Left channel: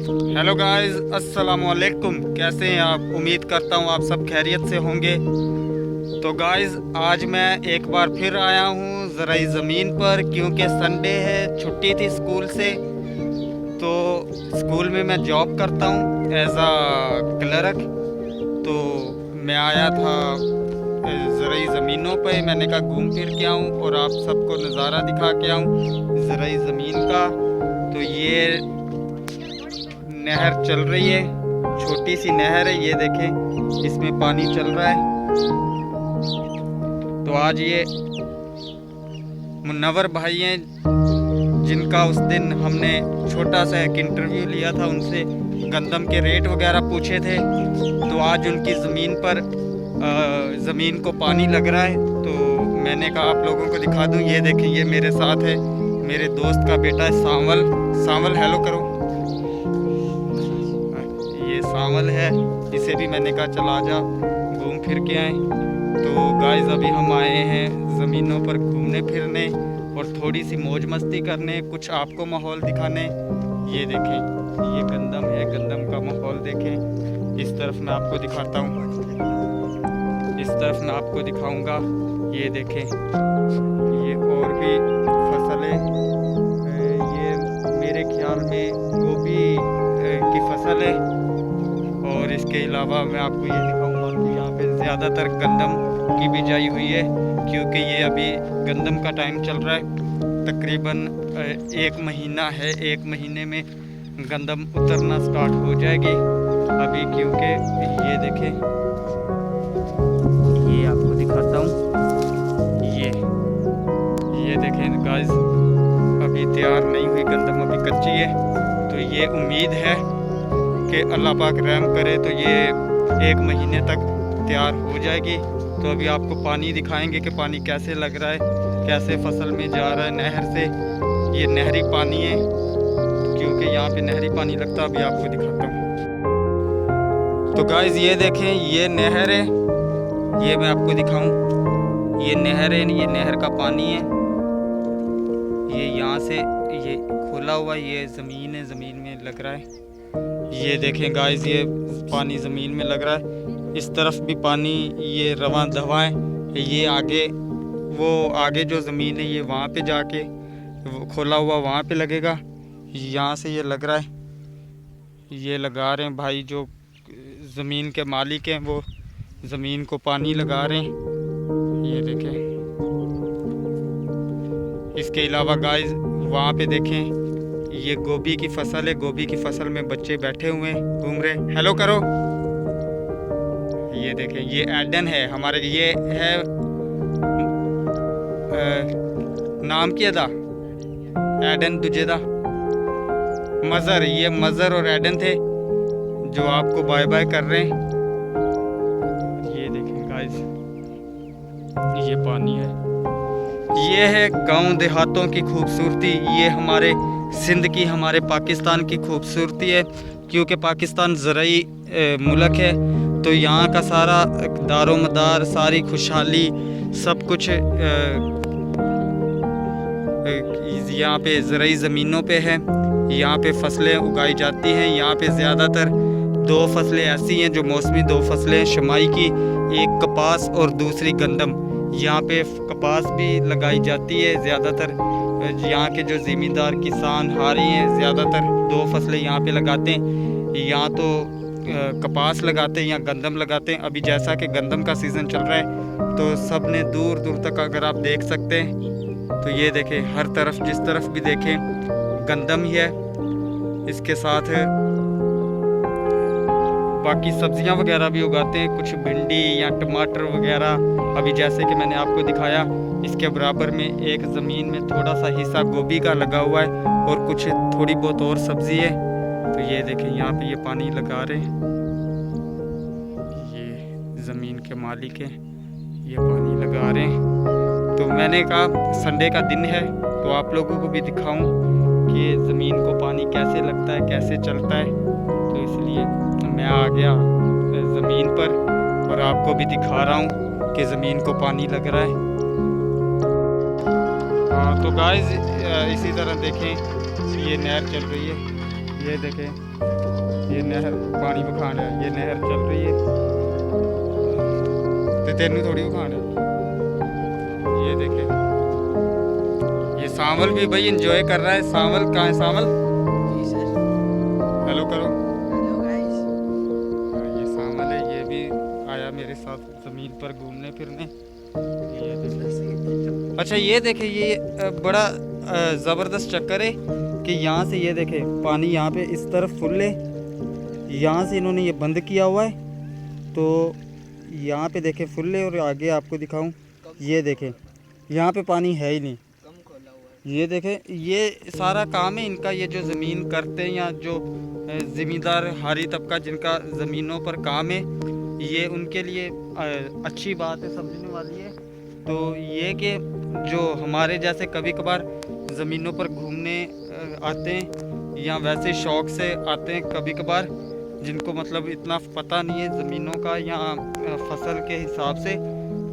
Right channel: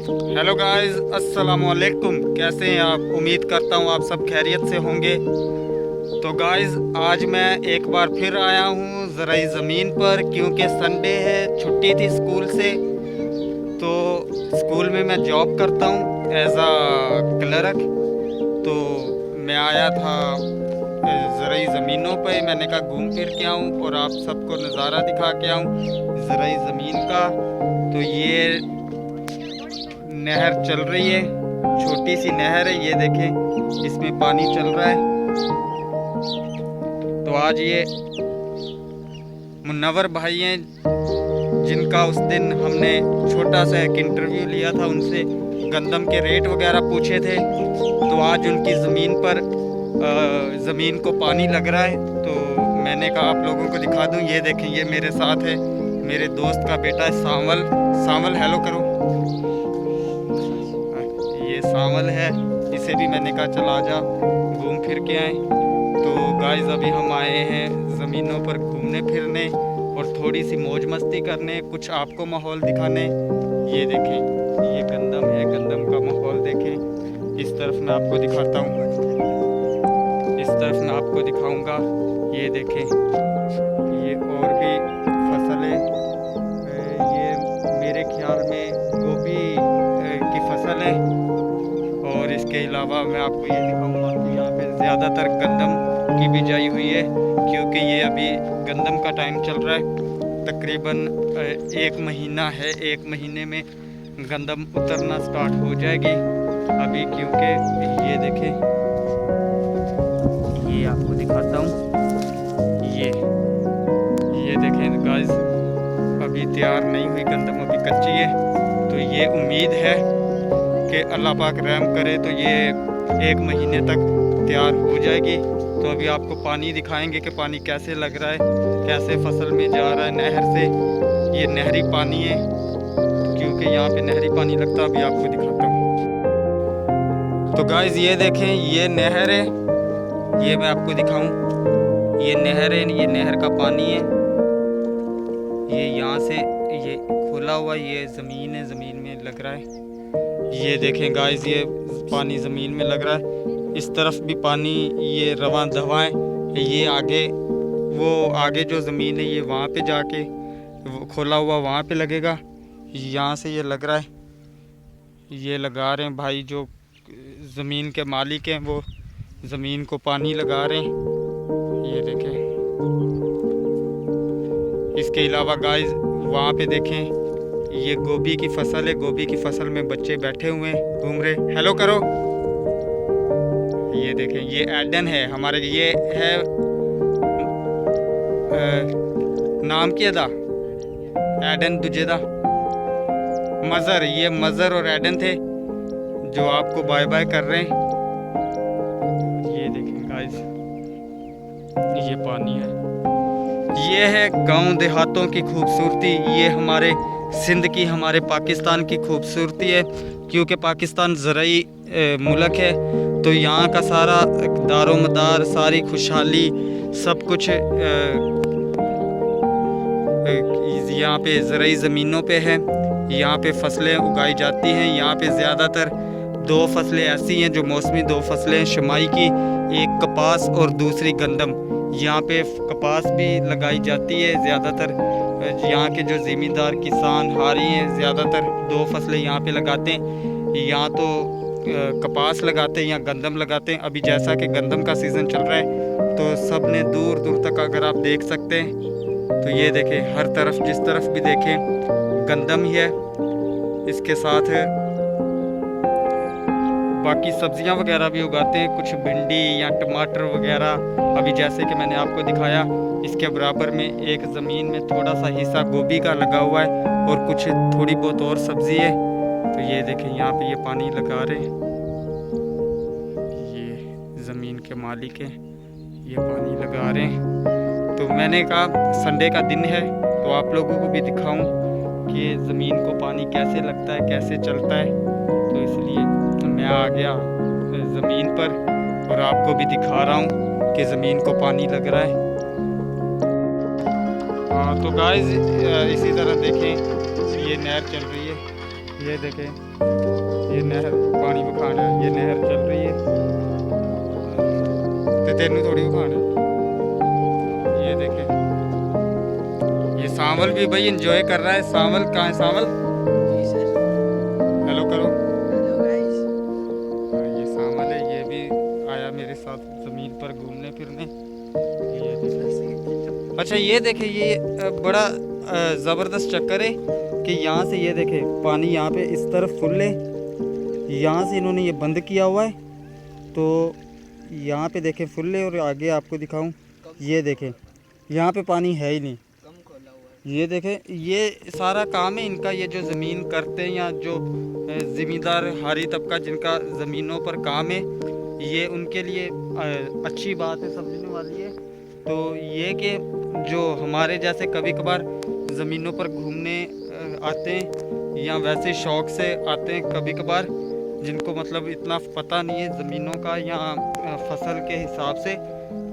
Hello guys, अस्सलाम वालेकुम। कैसे हैं आप? उम्मीद करता हूँ आप सब खैरियत से होंगे। तो गाइस, आज मैं एक बार फिर आया हूँ ज़राई ज़मीन पर, क्योंकि संडे है, छुट्टी थी स्कूल से। तो स्कूल में मैं जॉब करता हूँ एज आ क्लर्क। तो मैं आया था ज़राई ज़मीनों पे। मैंने कहा घूम फिर के आऊँ और आप सबको नज़ारा दिखा के आऊँ ज़राई ज़मीन का। तो ये नहर चल रही है, छोटी सी नहर है, ये देखें, इसमें पानी चल रहा है। तो आज ये मुन्नवर भाई हैं, जिनका उस दिन हमने छोटा सा एक इंटरव्यू लिया था, उनसे गंदम के रेट वगैरह पूछे थे। तो आज उनकी ज़मीन पर ज़मीन को पानी लग रहा है। तो मैंने कहा आप लोगों को दिखा दूं। ये देखें, ये मेरे साथ है, मेरे दोस्त का बेटा है सांवल। सांवल हेलो करो। ये सांवल है, इसे भी मैंने कहा चल आजा घूम फिर के आए। तो गाइस, अभी हम आए हैं ज़मीनों पर घूमने फिरने और थोड़ी सी मौज मस्ती करने, कुछ आपको माहौल दिखाने। ये देखें, ये गंदम है, गंदम का माहौल देखें। इस तरफ मैं आपको दिखाता हूँ, इस तरफ मैं आपको दिखाऊंगा। ये देखें, ये और भी फसल है। ये मेरे ख्याल में गोभी की फसल है। और इसके अलावा मैं आपको ये दिखाऊंगा कि यहाँ पे ज़्यादातर गंदम की बिजाई हुई है, क्योंकि ये अभी गंदम का टाइम चल रहा है। तकरीबन 1 महीना है, 1 महीने में गंदम उतरना स्टार्ट हो जाएगी अभी। क्योंकि ये देखें, ये आपको दिखाता हूँ, ये देखें गाइस, अभी तैयार नहीं हुई गंदम, अभी कच्ची है। तो ये उम्मीद है कि अल्लाह पाक रहम करे तो ये 1 महीने तक तैयार हो जाएगी। तो अभी आपको पानी दिखाएंगे कि पानी कैसे लग रहा है, कैसे फसल में जा रहा है नहर से। ये नहरी पानी है, क्योंकि यहाँ पे नहरी पानी लगता है। अभी आपको दिखाता हूँ। तो गाइस, ये देखें, ये नहर है, ये मैं आपको दिखाऊं। ये नहर है, ये नहर का पानी है। ये यहाँ से ये खोला हुआ, ये ज़मीन है, ज़मीन में लग रहा है। ये देखें गाइस, ये पानी ज़मीन में लग रहा है। इस तरफ भी पानी, ये रवां दवा है। ये आगे, वो आगे जो ज़मीन है, ये वहाँ पे जाके वो खोला हुआ वहाँ पे लगेगा। यहाँ से ये लग रहा है, ये लगा रहे हैं भाई जो ज़मीन के मालिक हैं, वो ज़मीन को पानी लगा रहे हैं। ये देखें। इसके अलावा गाइस, वहाँ पे देखें, ये गोभी की फसल है। गोभी की फसल में बच्चे बैठे हुए हैं, घूम रहे। हेलो करो। ये देखें, ये एडन है हमारे, ये है नाम क्या था, एडन दुजेदा मज़र। ये मज़र और एडन थे जो आपको बाय बाय कर रहे हैं। ये देखें गाइस, ये पानी है। ये है गांव देहातों की खूबसूरती। ये हमारे सिंध की, हमारे पाकिस्तान की खूबसूरती है, क्योंकि पाकिस्तान ज़राई मुल्क है। तो यहाँ का सारा दारो मदार, सारी खुशहाली, सब कुछ यहाँ पे ज़राई ज़मीनों पे है। यहाँ पे फसलें उगाई जाती हैं। यहाँ पे ज़्यादातर 2 फसलें ऐसी हैं जो मौसमी 2 फसलें हैं शमाई की, एक कपास और दूसरी गंदम। यहाँ पे कपास भी लगाई जाती है। ज़्यादातर यहाँ के जो ज़मींदार किसान हारी हैं, ज़्यादातर 2 फसलें यहाँ पे लगाते हैं। यहाँ तो कपास लगाते हैं या गंदम लगाते हैं। अभी जैसा कि गंदम का सीज़न चल रहा है, तो सब ने दूर दूर तक अगर आप देख सकते हैं, तो ये देखें, हर तरफ जिस तरफ भी देखें गंदम ही है। इसके साथ बाकी सब्जियां वगैरह भी उगाते हैं, कुछ भिंडी या टमाटर वगैरह। अभी जैसे कि मैंने आपको दिखाया, इसके बराबर में एक ज़मीन में थोड़ा सा हिस्सा गोभी का लगा हुआ है और कुछ थोड़ी बहुत और सब्ज़ी है। तो ये देखें, यहाँ पे ये पानी लगा रहे हैं, ये ज़मीन के मालिक हैं, ये पानी लगा रहे हैं। तो मैंने कहा संडे का दिन है, तो आप लोगों को भी दिखाऊं कि ज़मीन को पानी कैसे लगता है, कैसे चलता है। तो इसलिए मैं आ गया ज़मीन पर और आपको भी दिखा रहा हूँ कि ज़मीन को पानी लग रहा है। हाँ, तो गाइस, इसी तरह देखें, ये नहर चल रही है, ये देखें। ये नहर पानी बखान है, ये नहर चल रही है तो तेनू थोड़ी बखान है। ये देखे ये सांवल भी भाई एंजॉय कर रहा है। सांवल कहाँ है? सांवल जी सर। हेलो करो। Hello guys. ये सांवल है, ये भी आया मेरे साथ ज़मीन पर घूमने फिरने। ये देखे। अच्छा ये देखे ये बड़ा ज़बरदस्त चक्कर है कि यहाँ से ये देखे पानी यहाँ पे इस तरफ फुल है, यहाँ से इन्होंने ये बंद किया हुआ है तो यहाँ पे देखे फुल है। और आगे आपको दिखाऊं, ये देखे यहाँ पे पानी है ही नहीं। कम खोला हुआ है। ये देखे ये सारा काम है इनका। ये जो ज़मीन करते हैं या जो ज़मींदार हारी तबका जिनका ज़मीनों पर काम है, ये उनके लिए अच्छी बात है, समझने वाली है। तो ये कि जो हमारे जैसे कभी कभार ज़मीनों पर घूमने आते हैं या वैसे शौक़ से आते हैं कभी कभार, जिनको मतलब इतना पता नहीं है ज़मीनों का या फसल के हिसाब से,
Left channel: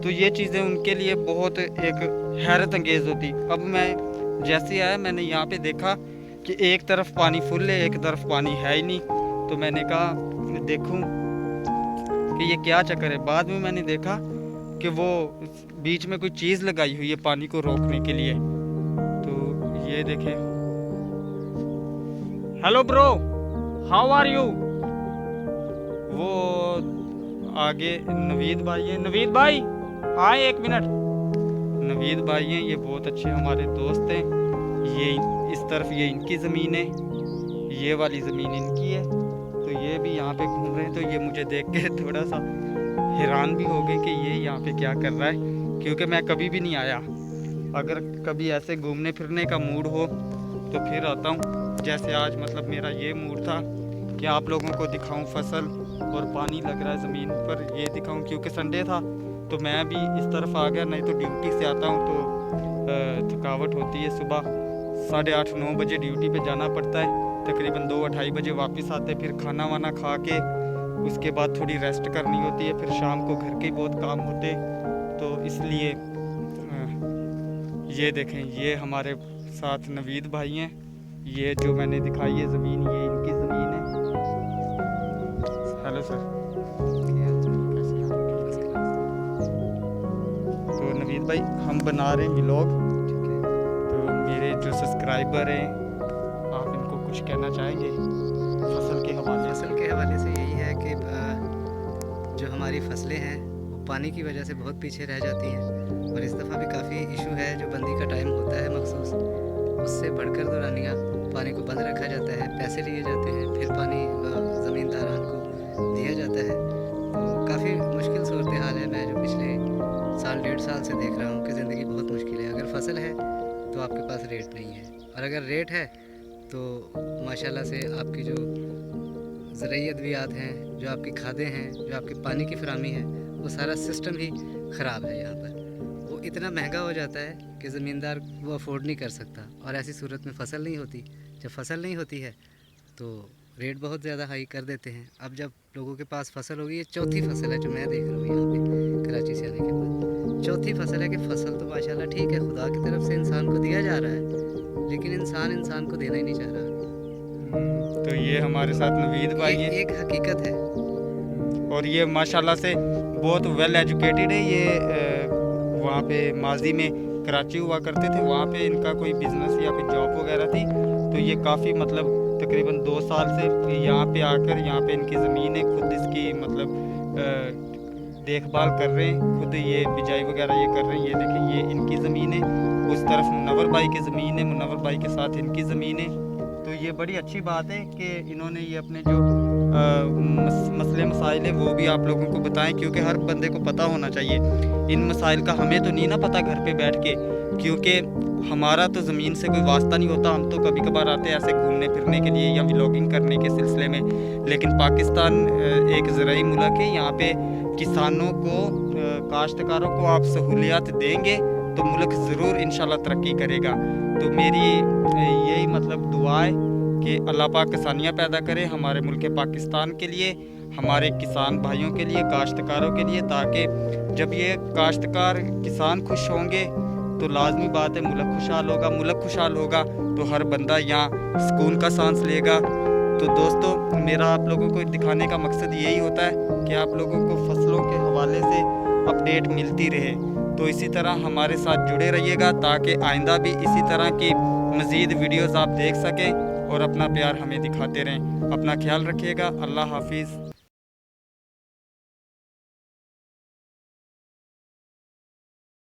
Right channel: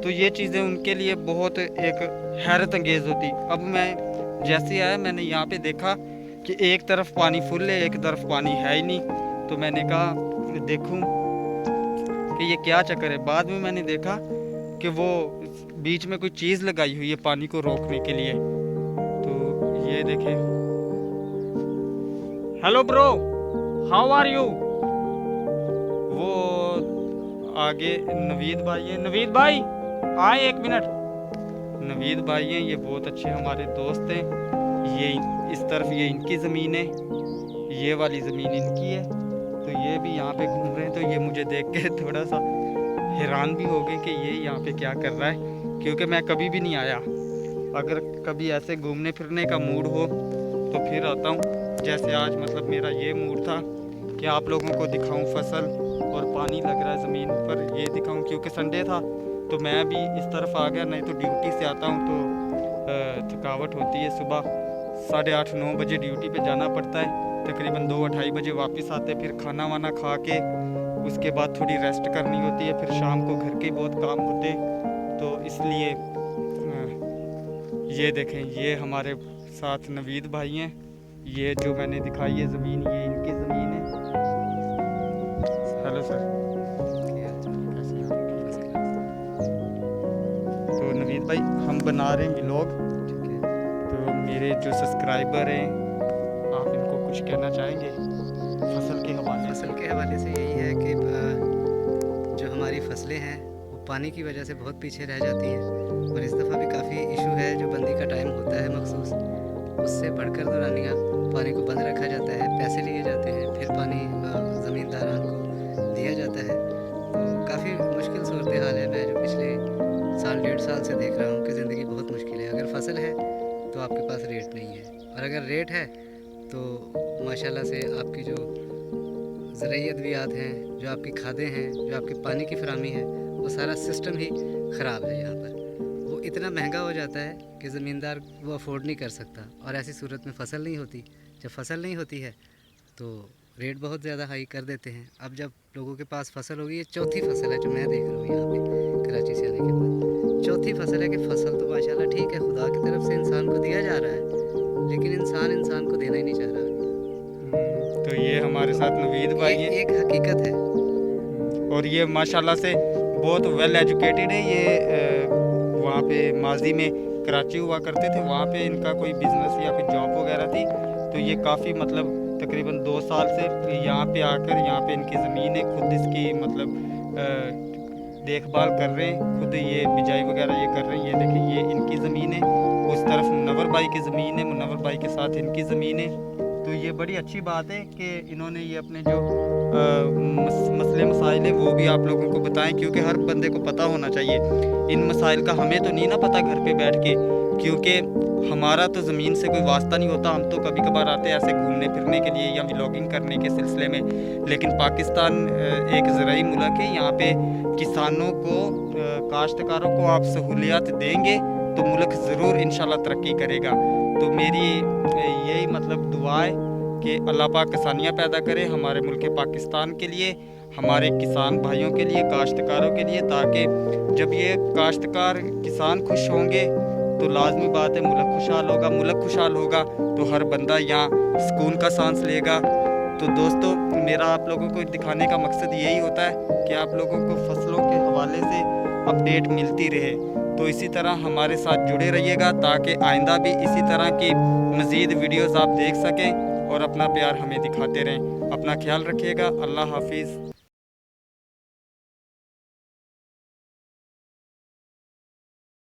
तो ये चीज़ें उनके लिए बहुत एक हैरत अंगेज़ होती। अब मैं जैसे आया मैंने यहाँ पे देखा कि एक तरफ पानी फुल है, एक तरफ पानी है ही नहीं। तो मैंने कहा देखूं कि ये क्या चक्कर है। बाद में मैंने देखा कि वो बीच में कोई चीज़ लगाई हुई है पानी को रोकने के लिए। तो ये देखें। Hello bro, how are you? वो आगे नवीद भाई है। नवीद भाई आए एक मिनट। नवीद भाई हैं, ये बहुत अच्छे हमारे दोस्त हैं। ये इस तरफ ये इनकी ज़मीन है, ये वाली ज़मीन इनकी है। तो ये भी यहाँ पे घूम रहे हैं। तो ये मुझे देख के थोड़ा सा हैरान भी हो गए कि ये यहाँ पे क्या कर रहा है, क्योंकि मैं कभी भी नहीं आया। अगर कभी ऐसे घूमने फिरने का मूड हो तो फिर आता हूँ। जैसे आज मतलब मेरा ये मूड था कि आप लोगों को दिखाऊं फसल और पानी लग रहा है ज़मीन पर, ये दिखाऊं। क्योंकि संडे था तो मैं भी इस तरफ आ गया, नहीं तो ड्यूटी से आता हूँ तो थकावट होती है। सुबह 8:30-9 बजे ड्यूटी पे जाना पड़ता है, तकरीबन 2-2:30 बजे वापस आते, फिर खाना वाना खा के उसके बाद थोड़ी रेस्ट करनी होती है। फिर शाम को घर के बहुत काम होते, तो इसलिए ये देखें ये हमारे साथ नवीद भाई हैं। ये जो मैंने दिखाई है ज़मीन, ये इनकी ज़मीन है। हेलो सर, कैसे हैं आप? तो नवीद भाई हम बना रहे हैं व्लॉग, ठीक है। तो मेरे जो सब्सक्राइबर हैं आप इनको कुछ कहना चाहेंगे फसल के हवाले से? फसल के हवाले से यही है कि जो हमारी फसलें हैं वो पानी की वजह से बहुत पीछे रह जाती हैं। और इस दफ़ा भी काफ़ी इशू है, जो बंदी का टाइम होता है मखसूस, उससे बढ़कर दौरानिया पानी को बंद रखा जाता है, पैसे लिए जाते हैं, फिर पानी ज़मींदारान को दिया जाता है। तो काफ़ी मुश्किल सूरत हाल है। मैं जो पिछले 1.5 साल से देख रहा हूँ कि ज़िंदगी बहुत मुश्किल है। अगर फसल है तो आपके पास रेट नहीं है, और अगर रेट है तो माशाल्लाह से आपकी जो ज़रूरी अद्वियात हैं, जो आपकी खादें हैं, जो आपकी पानी की फरामी है, वो सारा सिस्टम ही ख़राब है। यहाँ पर वो इतना महंगा हो जाता है कि ज़मींदार वो अफोर्ड नहीं कर सकता, और ऐसी सूरत में फ़सल नहीं होती। जब फ़सल नहीं होती है तो रेट बहुत ज़्यादा हाई कर देते हैं। अब जब लोगों के पास फ़सल होगी, ये चौथी फ़सल है जो मैं देख रहा हूँ यहाँ पे कराची से आने के बाद, चौथी फ़सल है कि फ़सल तो माशाल्लाह ठीक है, खुदा की तरफ से इंसान को दिया जा रहा है, लेकिन इंसान को देना ही नहीं चाह रहा। तो ये हमारे साथ नवीद भाई हैं, एक हकीकत है। और ये माशाल्लाह से बहुत वेल एजुकेटेड है। ये वहाँ पे माजी में कराची हुआ करते थे, वहाँ पे इनका कोई बिज़नेस या कोई जॉब वगैरह थी। तो ये काफ़ी मतलब तकरीबन 2 साल से यहाँ पे आकर, यहाँ पे इनकी ज़मीन है, खुद इसकी मतलब देखभाल कर रहे हैं, खुद ये बिजाई वगैरह ये कर रहे हैं। ये देखें ये इनकी ज़मीन है, उस तरफ मुनव्वर भाई की ज़मीन है, मुनव्वर भाई के साथ इनकी ज़मीन है। तो ये बड़ी अच्छी बात है कि इन्होंने ये अपने जो मसले मसाइल है वो भी आप लोगों को बताएं, क्योंकि हर बंदे को पता होना चाहिए इन मसाइल का। हमें तो नहीं ना पता घर पे बैठ के, क्योंकि हमारा तो ज़मीन से कोई वास्ता नहीं होता। हम तो कभी कभार आते हैं ऐसे घूमने फिरने के लिए या व्लॉगिंग करने के सिलसिले में, लेकिन पाकिस्तान एक ज़राई मुल्क है। यहाँ पे किसानों को, काश्तकारों को आप सहूलियत देंगे तो मुल्क ज़रूर इंशाल्लाह तरक्की करेगा। तो मेरी यही मतलब दुआ है कि अल्लाह पाक किसानियाँ पैदा करे हमारे मुल्क पाकिस्तान के लिए, हमारे किसान भाइयों के लिए, काश्तकारों के लिए, ताकि जब ये काश्तकार किसान खुश होंगे तो लाजमी बात है मुल्क खुशहाल होगा। मुल्क खुशहाल होगा तो हर बंदा यहाँ सुकून का सांस लेगा। तो दोस्तों मेरा आप लोगों को दिखाने का मकसद यही होता है कि आप लोगों को फसलों के हवाले से अपडेट मिलती रहे। तो इसी तरह हमारे साथ जुड़े रहिएगा ताकि आइंदा भी इसी तरह की मज़ीद वीडियोस आप देख सकें और अपना प्यार हमें दिखाते रहें। अपना ख्याल रखिएगा। अल्लाह हाफिज़।